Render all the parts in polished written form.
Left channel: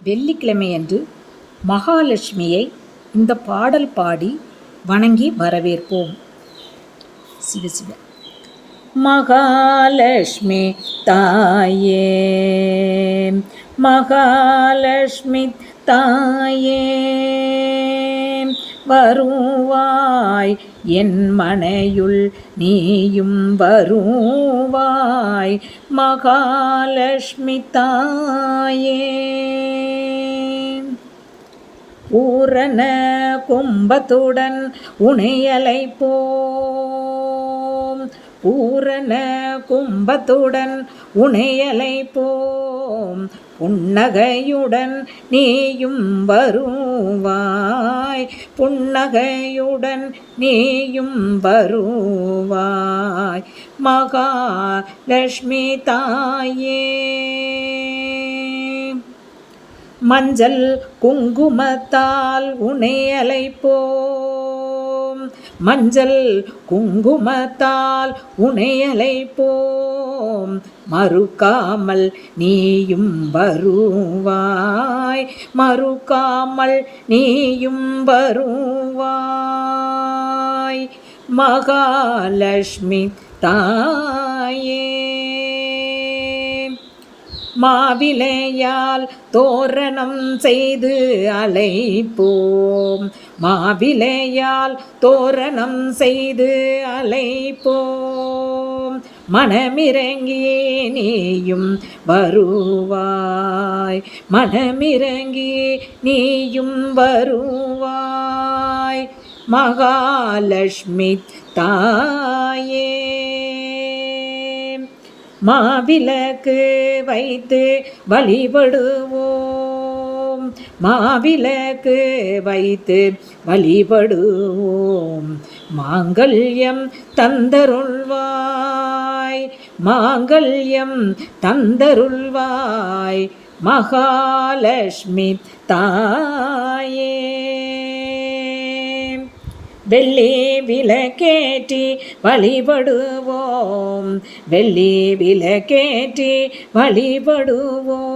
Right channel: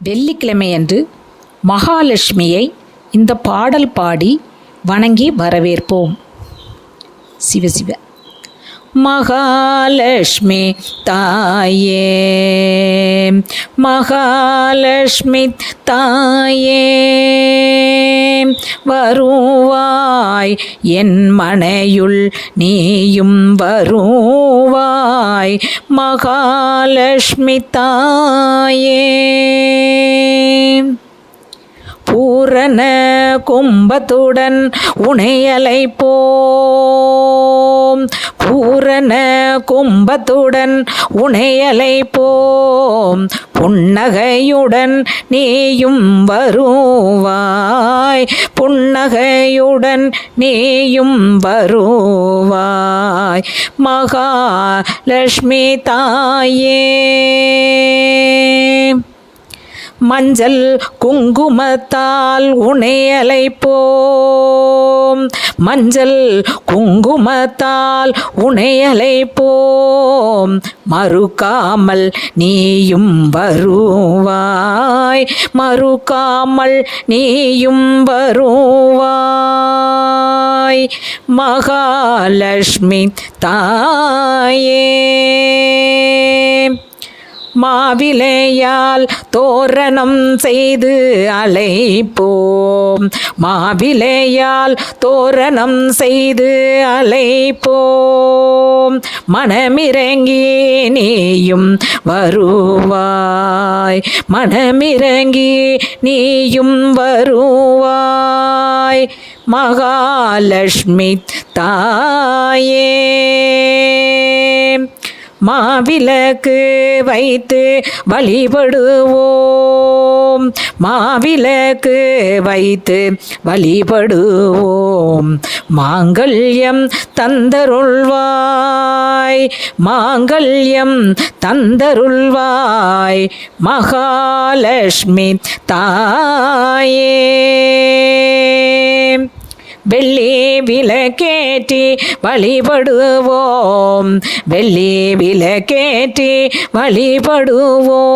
வெள்ளிக்கிழமையன்று மகாலட்சுமியை இந்த பாடல் பாடி வணங்கி வரவேற்போம். சிவசிவ. மகாலட்சுமி தாயே, மகாலட்சுமி தாயே, வருவாய் என் மனையுள் நீயும் வருவாய், மகாலட்சுமி தாயே. பூரண கும்பத்துடன் உனையழைப்போம், பூரண கும்பத்துடன் உனையழைப்போம், புன்னகையுடன் நீயும் வருவாய், புன்னகையுடன் நீயும் வருவாய், மகாலட்சுமி தாயே. மஞ்சள் குங்குமத்தால் உன்னை அழைப்போம், மஞ்சள் குங்குமத்தால் உன்னை அழைப்போம், மறுக்காமல் நீயும் வருவாய், மறுக்காமல் நீயும் வருவாய், மகாலட்சுமி தாயே. மாவிலையால் தோரணம் செய்து அழைப்போம், மாவிலையால் தோரணம் செய்து அழைப்போம், மனமிறங்கி நீயும் வருவாய், மனமிறங்கி நீயும் வருவாய், மகாலட்சுமி தாயே. மாவிளக்கு வைத்து வழிபடுவோம், மாவிளக்கு வைத்து வழிபடுவோம், மாங்கல்யம் தந்தருள்வாய், மாங்கல்யம் தந்தருள்வாய், மகாலட்சுமி தாயே. வெள்ளி விளக்கேற்றி வழிபடுவோம், வெள்ளி விளக்கேற்றி வழிபடுவோம்,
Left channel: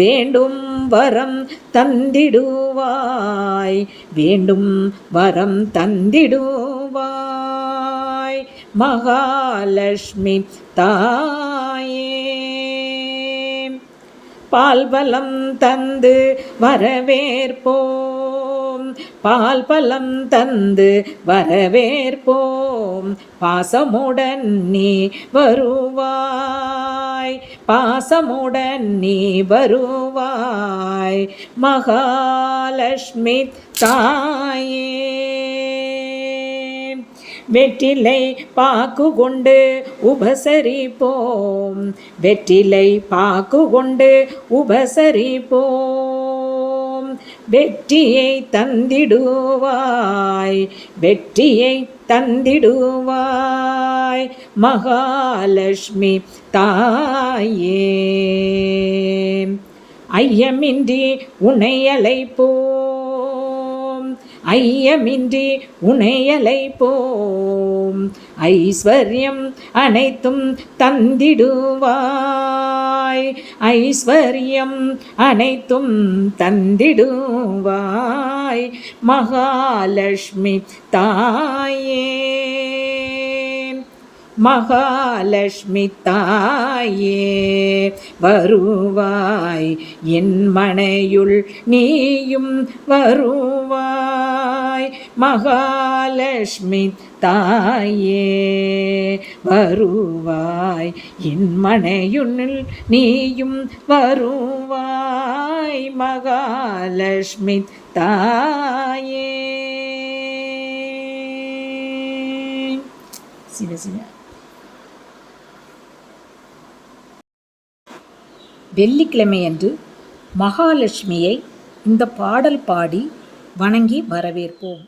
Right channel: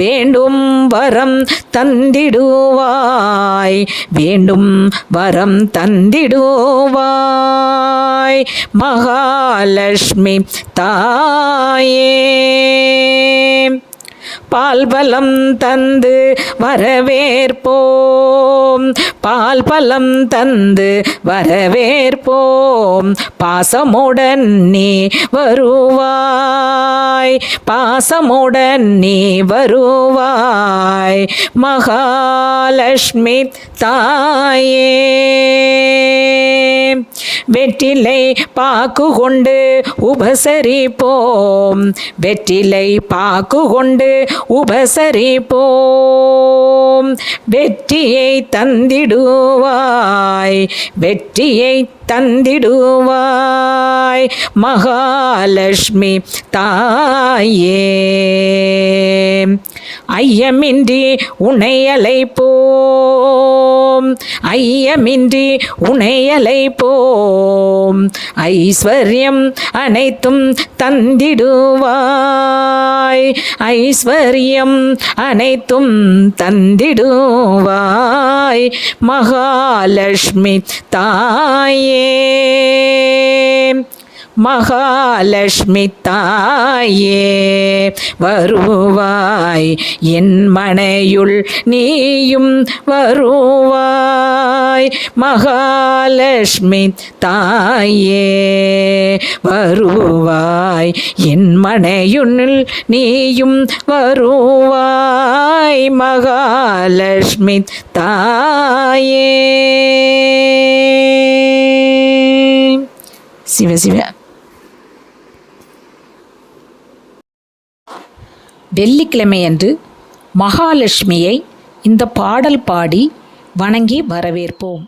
வேண்டும் வரம் தந்திடுவாய், வேண்டும் வரம் தந்திடுவாய், மகாலட்சுமி தாயே. பால்பலம் தந்து வரவேற்போம், பால்பலம் தந்து வரவேற்போம், பாசமுடன் நீ வருவாய், பாசமுடன் நீ வருவாய், மகாலட்சுமி தாயே. வெற்றிலை பாக்கு கொண்டு உபசரிப்போம், வெற்றிலை பாக்கு கொண்டு உபசரிப்போம், வெற்றியை தந்திடுவாய், வெற்றியை தந்திடுவாய், மகாலட்சுமி தாயே. ஐயமின்றி உன்னை அழைப்போம், ஐயமின்றி உன்னை அழைப்போம், ஐஸ்வர்யம் அனைத்தும் தந்திடுவாய், ஐஸ்வர்யம் அனைத்தும் தந்திடுவாய், மகாலட்சுமி தாயே. மகாலட்சுமி தாயே, வருவாய் என் மனையுள் நீயும் வருவாய், மகாலட்சுமி தாயே, வருவாய் என் மனையுள் நீயும் வருவாய், மகாலட்சுமி தாயே. சிவசிவ. வெள்ளிக்கிழமையன்று மகாலட்சுமியை இந்த பாடல் பாடி வணங்கி வரவேற்போம்.